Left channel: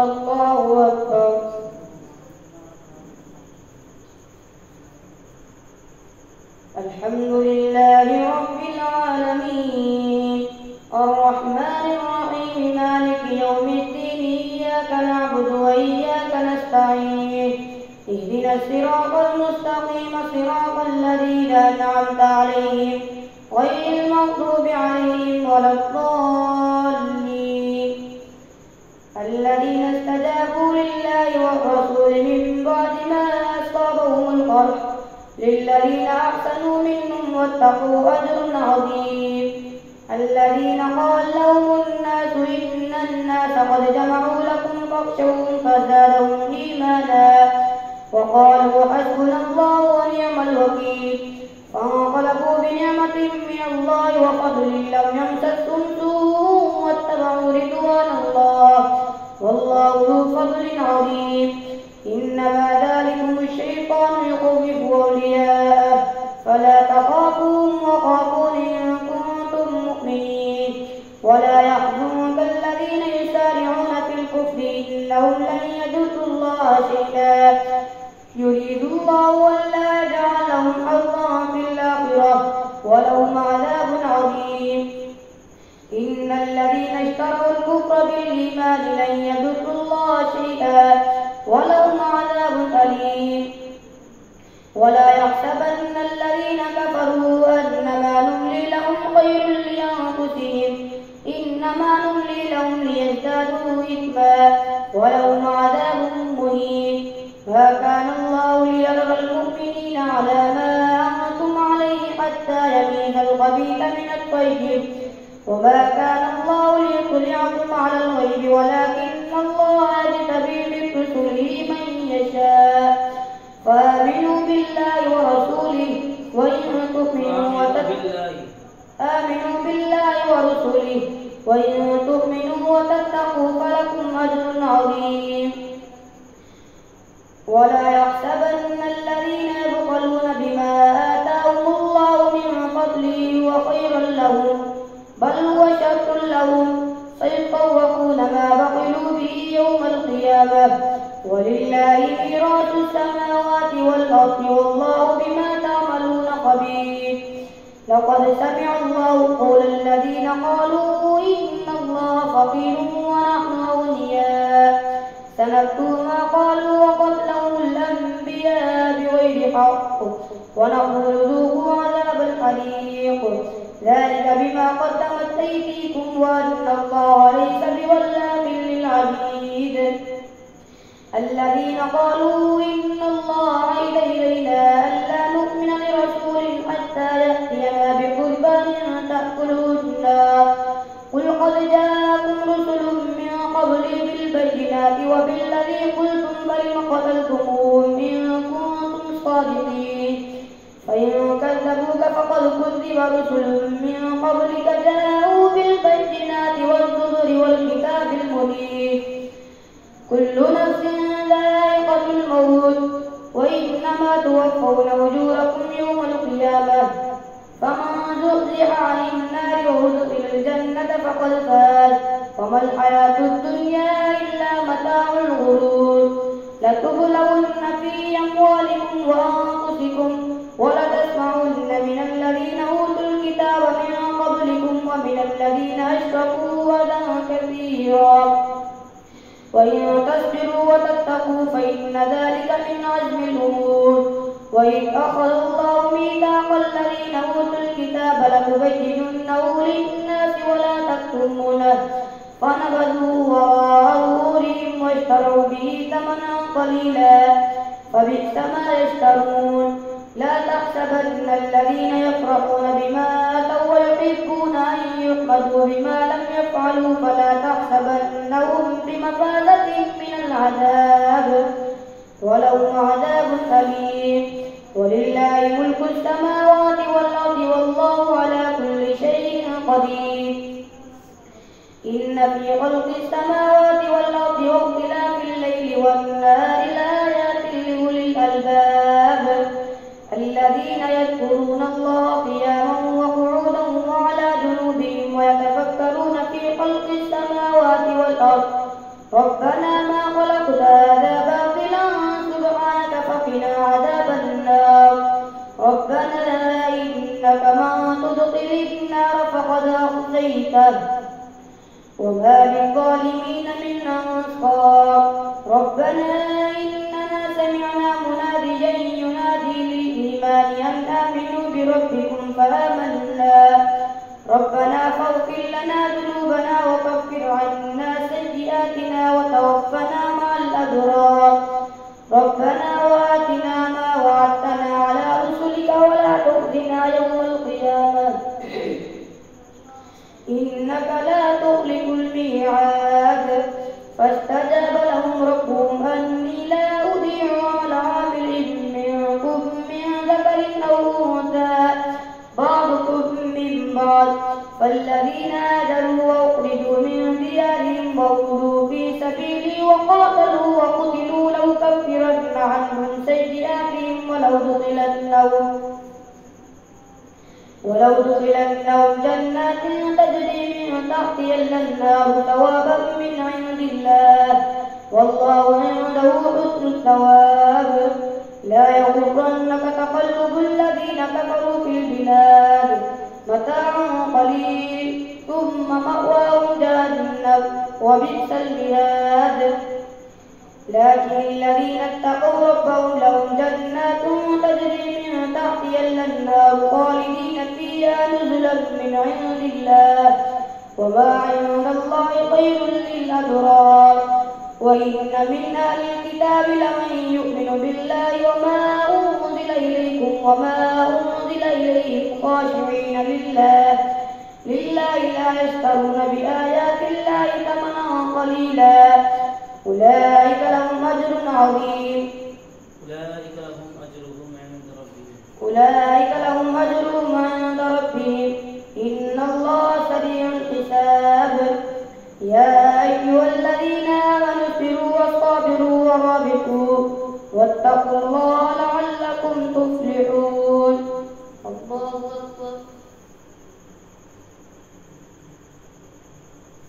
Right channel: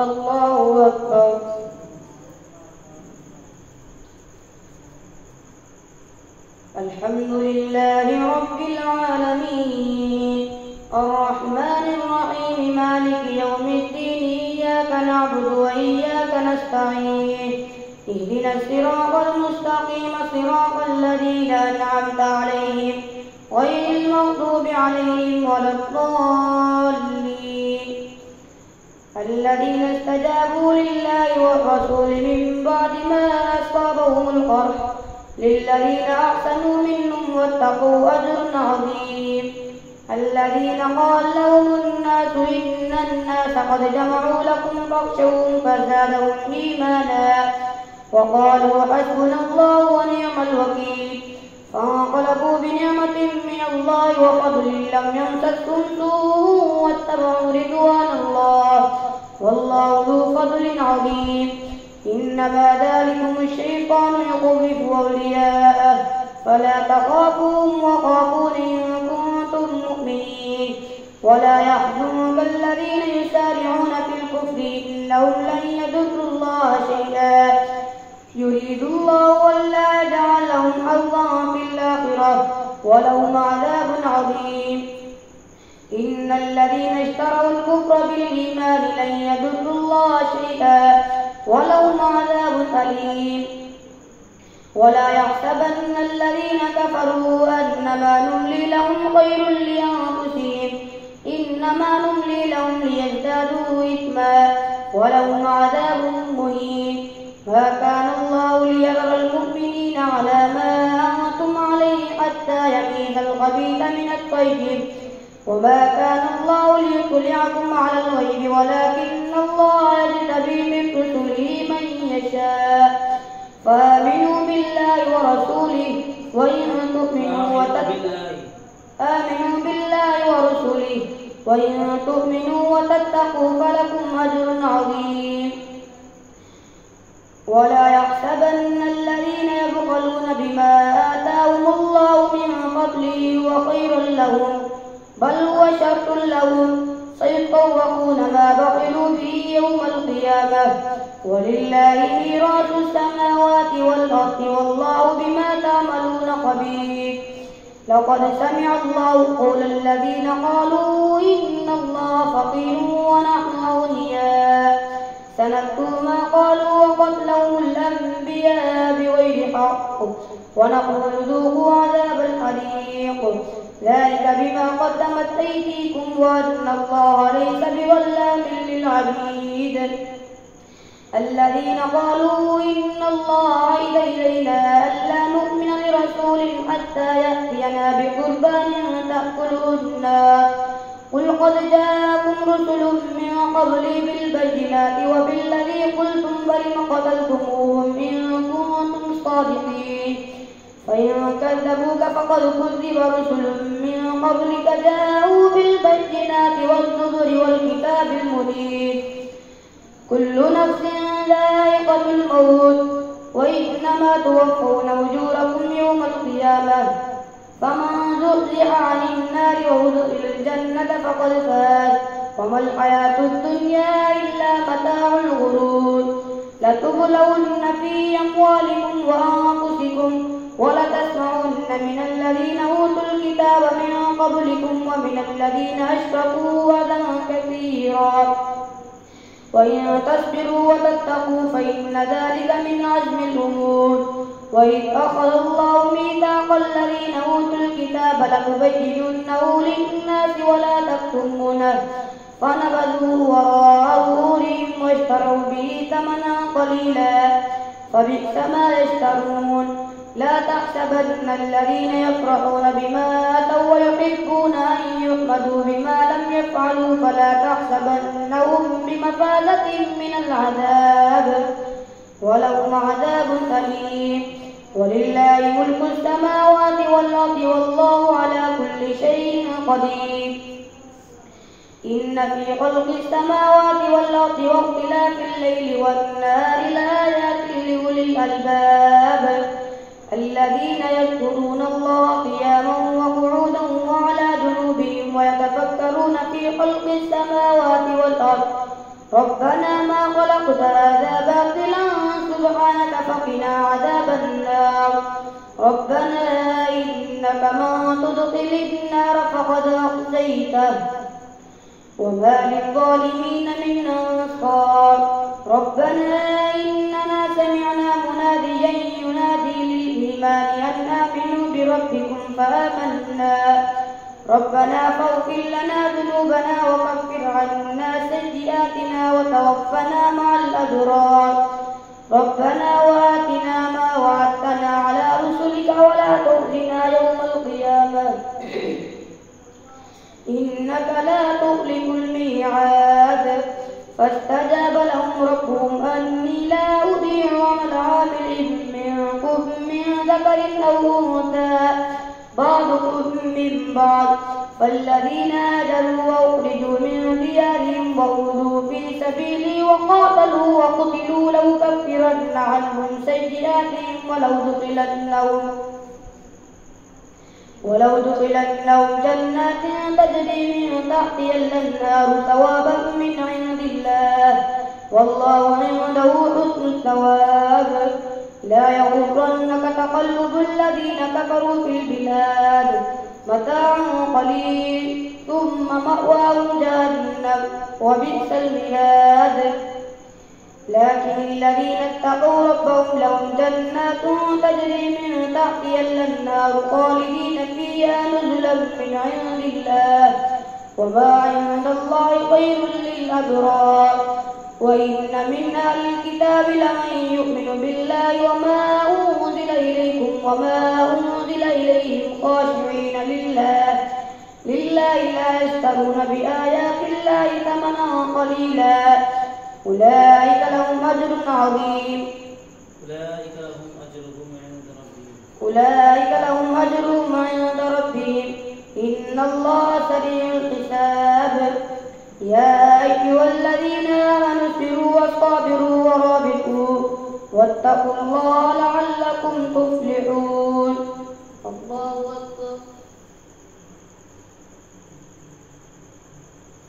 الله أكبر. الحمد لله رب العالمين الرحمن الرحيم مالك يوم الدين إياك نعبد وإياك نستعين اهدنا الصراط المستقيم صراط الذين أنعمت عليهم غير المغضوب عليهم ولا الضالين الذين استجابوا لله والرسول من بعد ما أصابهم القرح للذين أحسنوا منهم واتقوا أجر عظيم. الذين قال لهم الناس إن الناس قد جمعوا لكم فاخشوهم فزادهم إيمانا وقالوا حسبنا الله ونعم الوكيل فانقلبوا بنعمة من الله وفضل لم يمسسهم سوء واتبعوا رضوان الله والله ذو فضل عظيم. إنما ذلكم الشيطان يخوف أولياءه فلا تخافوهم وخافون إن كنتم مؤمنين ولا يحزنك الذين يسارعون في الكفر إنهم لن يضروا الله شيئا يريد الله ألا يجعل لهم حظا في الآخرة ولهم عذاب عظيم. إن الذين اشتروا الكفر بالإيمان لن يضروا الله شيئا ولهم عذاب أليم. ولا يحسبن الذين كفروا أنما نملي لهم خير لأنفسهم إنما نملي لهم ليزدادوا إثما ولهم عذاب مهين. ما كان الله ليذر المؤمنين على ما أنتم عليه حتى يميز الخبيث من الطيب وما كان الله ليطلعكم على الغيب ولكن الله يجتبي من رسله من يشاء فآمنوا بالله ورسوله وإن تؤمنوا وتتقوا فلكم أجر عظيم. ولا يحسبن الذين يبخلون بما آتاهم الله من فضله هو خير لهم بل هو شر لهم سيطوقون ما بخلوا به يوم القيامة ولله ميراث السماوات والأرض والله بما تعملون خبير. لقد سمع الله قول الذين قالوا إن الله فقير ونحن أغنياء سنكتب ما قالوا وقتلهم الأنبياء بغير حق ونقول ذوقوا عذاب الحريق ذلك بما قدمت أيديكم وأن الله ليس بظلام للعبيد. الذين قالوا إن الله عهد إلينا ألا نؤمن لرسول حتى يأتينا بقربان تأكله النار قل قد جاءكم رسل من قبلي بالبينات وبالذي قلتم فلم قتلتموهم إن كنتم صادقين فإن كذبوك فقد كذب رسل من قبلك جاءوا بالبينات والزبر والكتاب المبين. كل نفس ذائقة الموت وإنما توفون أجوركم يوم القيامة فمن زحزح عن النار وأدخل الجنة فقد فاز وما الحياة الدنيا إلا متاع الغرور. لتبلون في أموالكم وأنفسكم ولتسمعن من الذين أوتوا الكتاب من قبلكم ومن الذين أشركوا أذى كثيرا وإن تصبروا وتتقوا فإن ذلك من عزم الأمور. وإذ أخذ الله ميثاق الذين أوتوا الكتاب لتبيننه للناس ولا تكتمونه فنبذوه وراء ظهورهم واشتروا به ثمنا قليلا فبئس ما يشترون. لا تحسبن الذين يفرحون بما آتوا ويحبون أن يحمدوا بما لم يفعلوا فلا تحسبنهم بمفازة من العذاب ولهم عذاب أليم. ولله ملك السماوات والأرض والله على كل شيء قدير. إن في خلق السماوات والأرض واختلاف الليل والنهار لآيات لأولي الألباب الذين يذكرون الله قياما وقعودا وعلى جنوبهم ويتفكرون في خلق السماوات والأرض ربنا ما خلقت هذا باطلا سبحانك فقنا عذاب النار ربنا إنك من تدخل النار فقد أخزيته وما للظالمين من أنصار ربنا إننا سمعنا مناديا ينادي للإيمان أن آمنوا بربكم فآمنا ربنا فاغفر لنا ذنوبنا وكفر عنا سيئاتنا وتوفنا مع الأبرار ربنا وآتنا ما وعدتنا على رسلك ولا تخزنا يوم القيامة إنك لا تخلف الميعاد فاستجاب لهم ربهم أني لا أضيع عمل عامل منكم من ذكر أو أنثى بعضكم من بعض فالذين هاجروا وأخرجوا من ديارهم وأوذوا في سبيلي وقاتلوا وقتلوا لأكفرن عنهم سيئاتهم ولو دخلنهم جنات تجري من تحتها الأنهار ثوابا من عند الله والله عنده حسن الثواب لا يغرنك تقلب الذين كفروا في البلاد متاع قليل ثم مأواهم جهنم وبئس المهاد لكن الذين اتقوا ربهم لهم جنات تجري من تحتها الأنهار خالدين فيها نزلا من عند الله وما عند الله خير للأبرار وإن من أهل الكتاب لمن يؤمن بالله وما أنزل إليكم وما أنزل إليهم خاشعين لله لا يشترون بآيات الله ثمنا قليلا أولئك لهم أجر عظيم أولئك لهم أجرهم عند ربهم إن الله سريع الحساب يا أيها الذين آمنوا اصبروا وصابروا ورابطوا واتقوا الله لعلكم تفلحون الله أكبر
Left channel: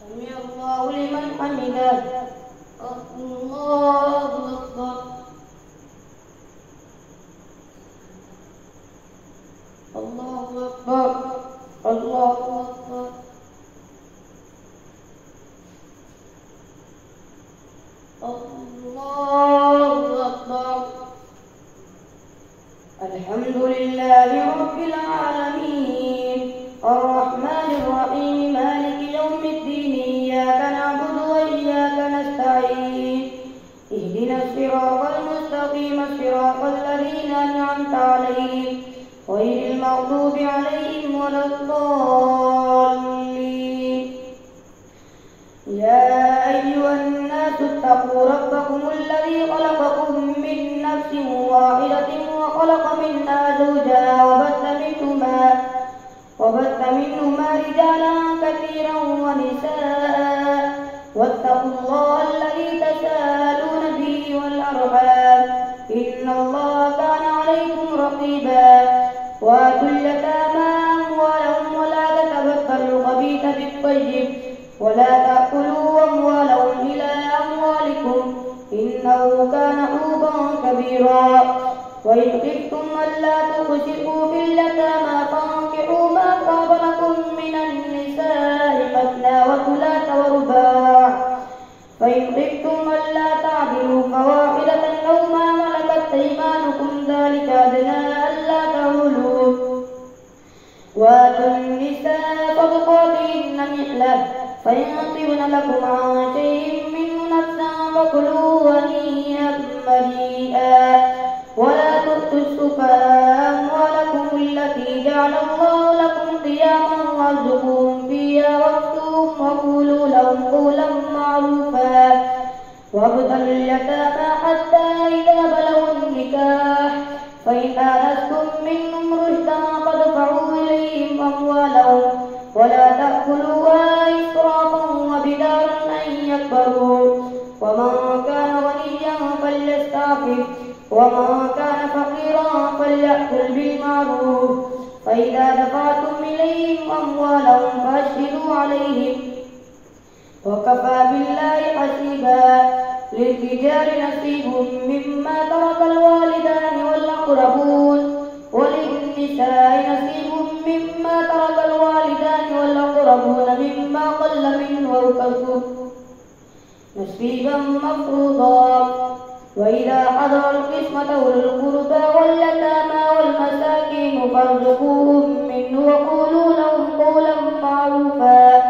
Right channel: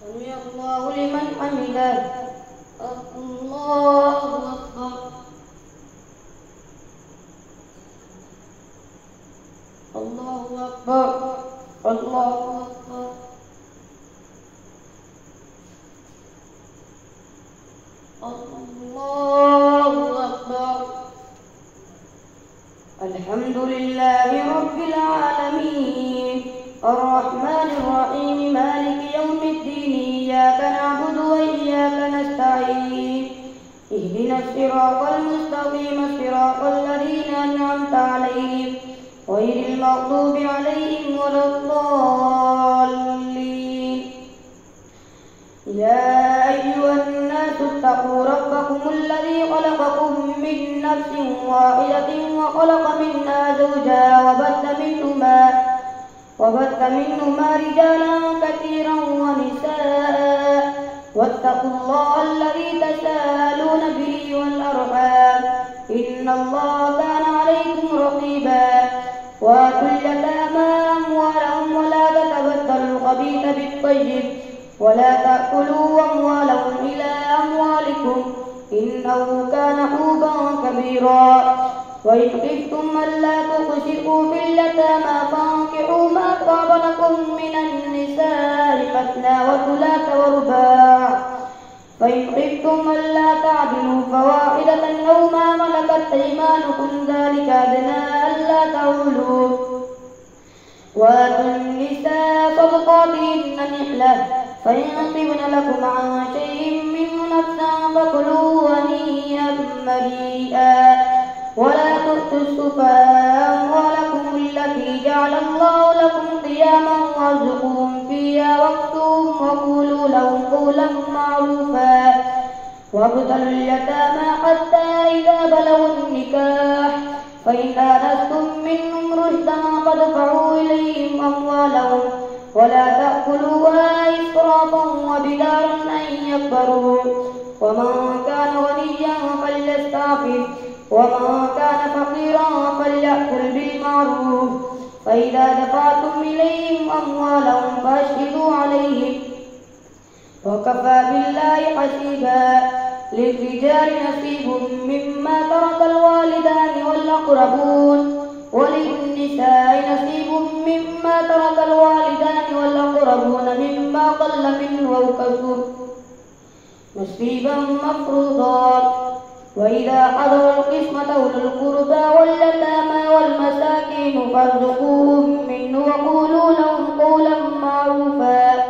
سمع الله لمن حمده الله أكبر الله أكبر الله أكبر الله أكبر الحمد لله رب العالمين الرحمن الرحيم مالك يوم الدين إياك نعبد وإياك نستعين اهدنا الصراط المستقيم صراط الذين أنعمت عليهم غير المغضوب عليهم ولا الضالين يا أيها الناس اتقوا ربكم الذي خلقكم من نفس واحدة وخلق منها زوجها وبث منهما رجالا كثيرا ونساء واتقوا الله الذي تساءلون به والأرحام إن الله كان عليكم رقيبا وآتوا اليتامى أموالهم ولا تتبدلوا الخبيث بالطيب ولا تأكلوا أموالهم إلى أموالكم إنه كان حوبا كبيرا وإن خفتم ألا تقسطوا في اليتامى فانكحوا ما طاب لكم من النساء مثنى وثلاث ورباع فإن خفتم ألا تعدلوا فواحدة أو ما ملكت أيمانكم ذلك أدنى ألا تعولوا وآتوا النساء صدقاتهن نحلة فإن طبن لكم عن شيء منه نفسا فكلوه هنيئا مريئا ولا تؤتوا السفهاء أموالكم التي جعل الله لكم قياما وارزقوهم فيها واكسوهم وقولوا لهم قولا معروفا وابتلوا اليتامى حتى إذا بلغوا النكاح فإن آنستم منهم رشدا فادفعوا إليهم أموالهم ولا تأكلوها إسرافا وبدارا أن يكبروا ومن كان غنيا فليستعفف ومن كان فقيرا فليأكل بالمعروف فإذا دفعتم إليهم أموالهم فأشهدوا عليهم وكفى بالله الله حسيبا. للرجال نصيب مما ترك الوالدان والأقربون وللنساء نصيب مما ترك الوالدان والأقربون مما قل منه أو كثر نصيبا مفروضا. وإذا حضر القسمة أولو القربى واليتامى والمساكين فارزقوهم منه وقولوا لهم قولا معروفا.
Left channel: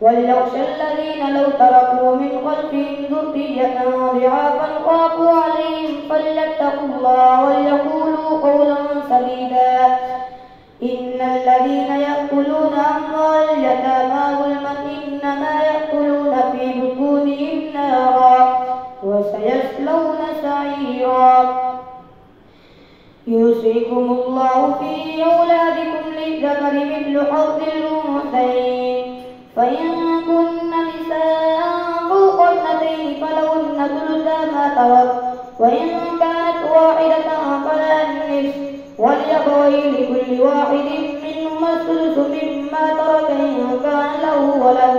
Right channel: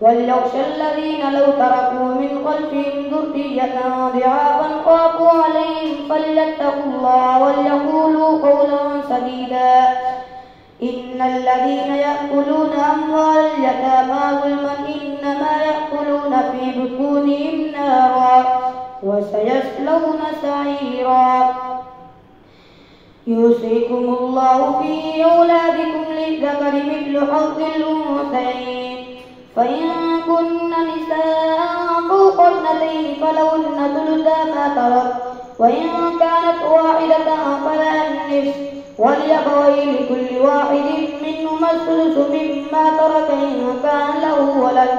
وليخشى الذين لو تركوا من خلفهم ذرية ضعافا خافوا عليهم فليتقوا الله وليقولوا قولا سديدا. إن الذين يأكلون أموال اليتامى ظلما إنما يأكلون في بطونهم نارا وسيصلون سعيرا. يوصيكم الله في أولادكم للذكر مثل حظ الأنثيين فإن كن نساء فوق اثنتين فلهن ثلثا ما ترك وإن كانت واحدة فلها النصف ولأبويه لكل واحد منهما الثلث مما ترك إن كان له ولد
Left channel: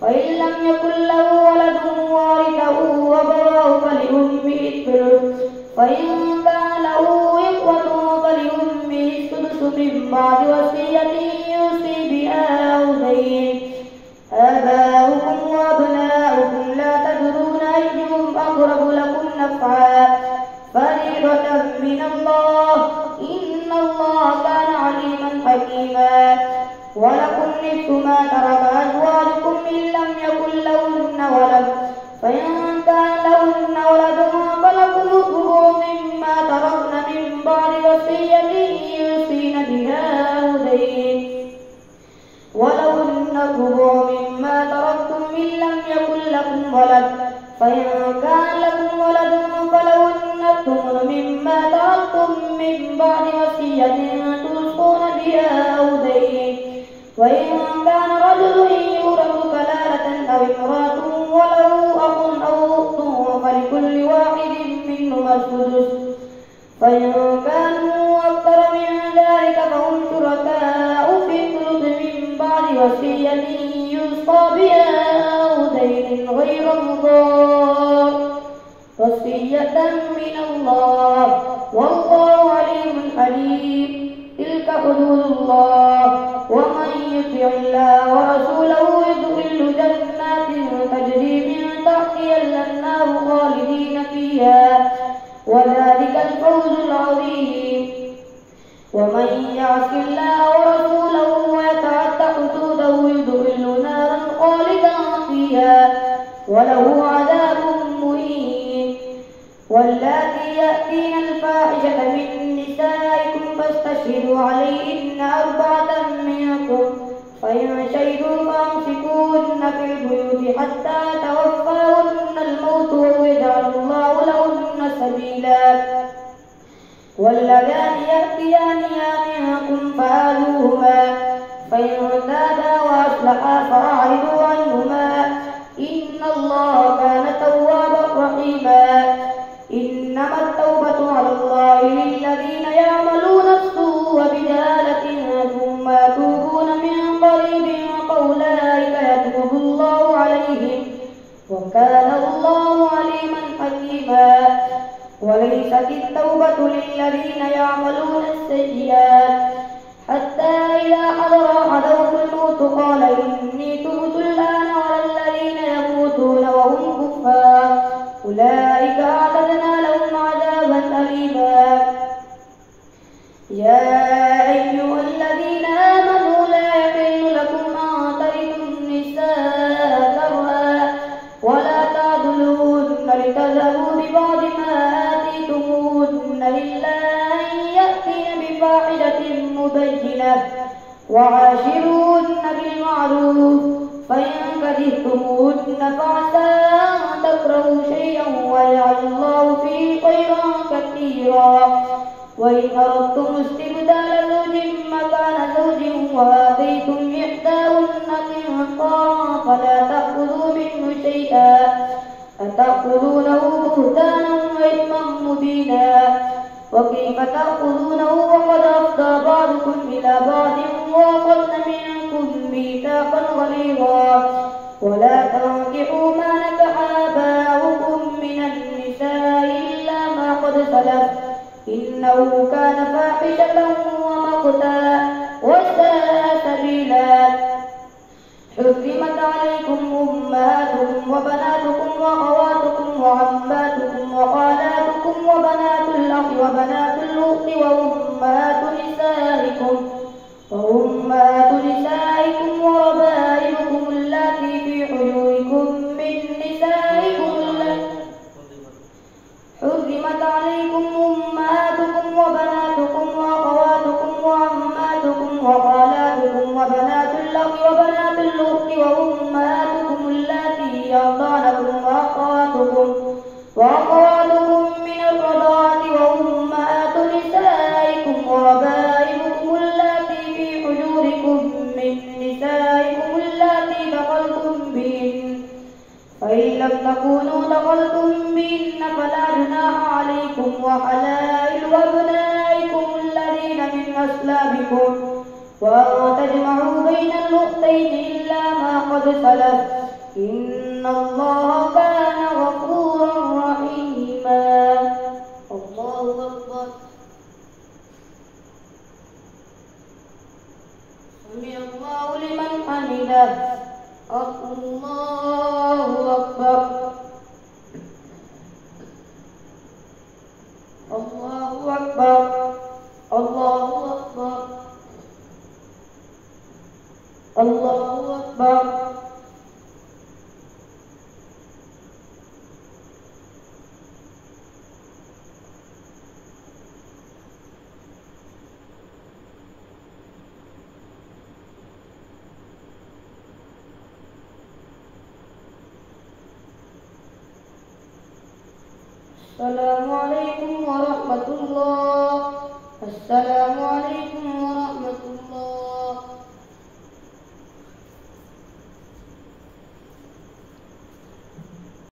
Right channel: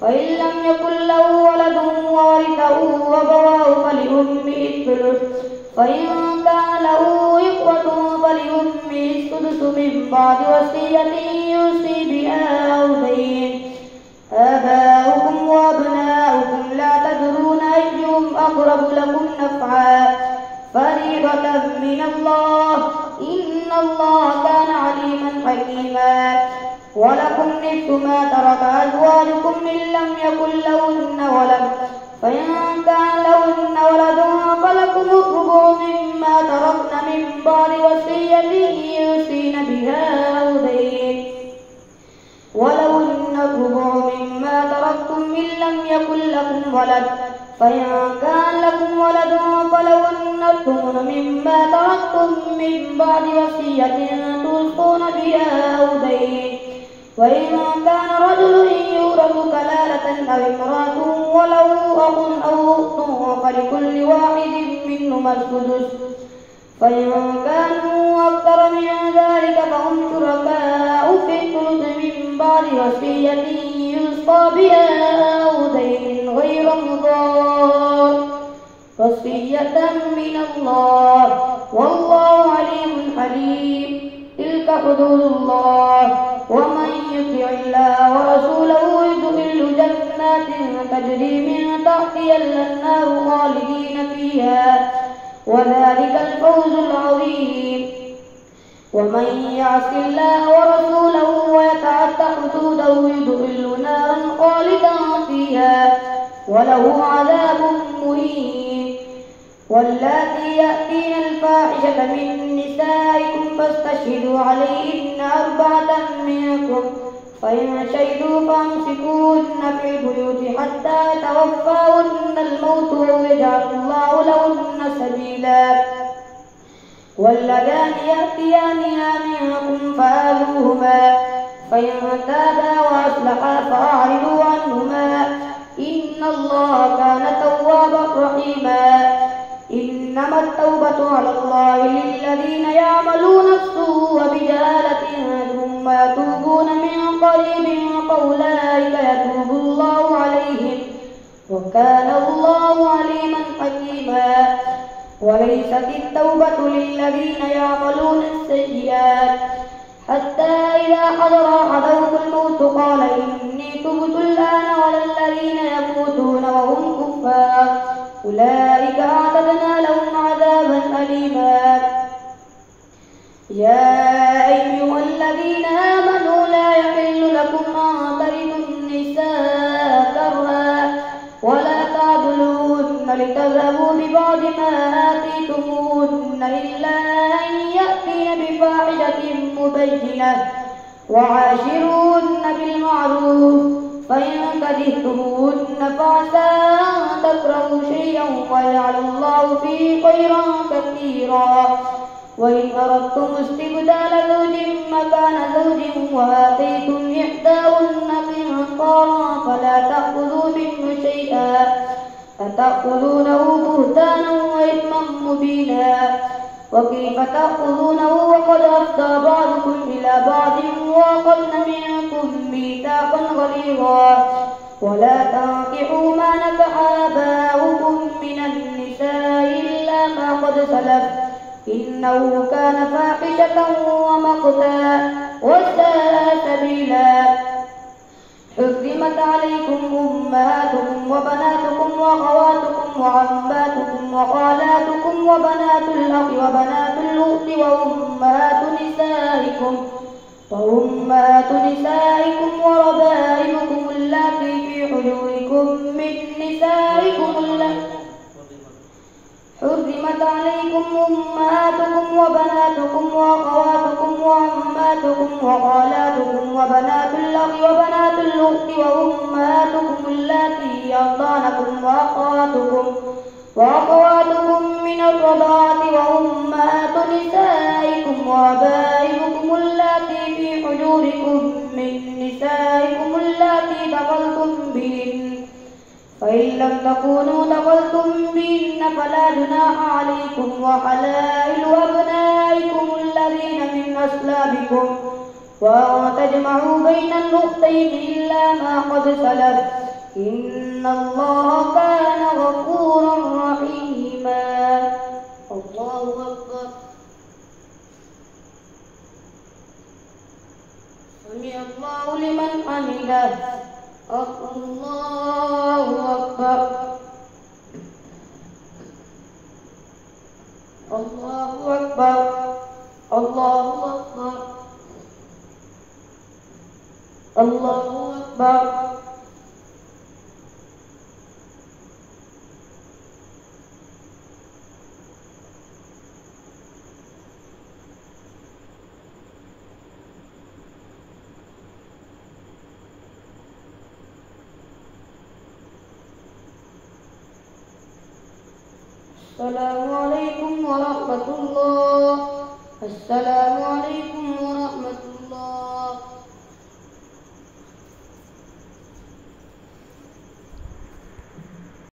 فإن لم يكن له ولد وورثه أبواه فلأمه الثلث فإن كان له إخوة فلأمه السدس من بعد وصية يوصي بها أو دين. آباؤكم وأبناؤكم لا تدرون أيهم أقرب لكم نفعا فريضة من الله إن الله كان عليما حكيما. ولكم نصف ما ترك أزواجكم إن لم يكن لهن ولد فإن كان لهن ولد فلكم الربع مما تركن من بعد وصية يوصين بها أو دين. ولهن الربع مما تركتم إن لم يكن لكم ولد فإن كان لكم ولد فلهن الثمن مما تركتم من بعد وصية توصون بها أو دين. وإن كان رجل يورث كلالة أو امرأة وله أخ أو أخت فلكل واحد منهما السدس فإن كانوا أكثر من ذلك فهم شركاء في الثلث من بعد وصية يوصى بها أو دين غير مضار وصية من الله والله عليم حليم. تلك حدود الله ومن يطع الله ورسوله يدخله جنات تجري من تحتها الأنهار خالدين فيها وذلك الفوز العظيم. ومن يعص الله ورسوله ويتعد حدوده يدخله نارا خالدا فيها وله عذاب مهين. واللاتي يأتين الفاحشة من نسائكم فاستشهدوا عليهن 4 منكم فإن شهدوا فامسكوهن في البيوت حتى يتوفاهن الموت ويجعل الله لهن سبيلا. واللذان يأتيانها منكم فآذوهما فإن تابا وأصلحا فأعرضوا عنهما إن الله كان توابا رحيما. إنما التوبة على الله للذين يعملون السوء بجهالة ثم يتوبون من قريب فأولئك يتوب الله عليهم وكان الله عليما حكيما. وليست التوبة للذين يعملون السيئات حتى إذا حضر أحدهم الموت قال إني تبت الآن ولا الذين يموتون وهم كفار أولئك أعتدنا لهم عذابا أليما. يا أيها الذين آمنوا لا يحل لكم أن ترثوا النساء كرها ولا تعضلوهن لتذهبوا ببعض ما آتيتموهن إلا أن يأتين بفاحشة مبينة وعاشروهن بالمعروف فإن كرهتموهن فعسى أن تكرهوا شيئا ويجعل الله فيه خيرا كثيرا. وإن أردتم استبدال زوج مكان زوج وآتيتم إحداهن قنطارا فلا تأخذوا منه شيئا أتأخذونه بهتانا وإثما مبينا. وكيف تأخذونه وقد أفضى بعضكم إلى بعض وأخذن منكم ميثاقا غليظا. ولا تنكحوا ما نكح آباؤكم من النساء إلا ما قد سلف إنه كان فاحشة ومقتا وساء سبيلا. حرمت عليكم أمهاتكم وبناتكم وأخواتكم وعماتكم وخالاتكم وبنات الأخ وبنات الأخت وأمهات نسائكم وربائبكم اللاتي في حجوركم من نسائكم حرمت عليكم أمهاتكم وبناتكم وأخواتكم وعماتكم وخالاتكم وبنات الأخ وبنات الأخت وأمهاتكم اللاتي أرضعنكم وأخواتكم من الرضاعة وأمهات نسائكم وربائبكم اللاتي في حجوركم من نسائكم اللاتي دخلتم بهن فإن لم تكونوا دخلتم بهن فلا جناح عليكم وحلائل أبنائكم الذين من أصلابكم وأن تجمعوا بين الأختين إلا ما قد سلف إن الله كان غفورا رحيما. الله أكبر. سمع الله لمن حمده. الله أكبر. الله أكبر. الله أكبر. الله أكبر. السلام عليكم ورحمة الله. السلام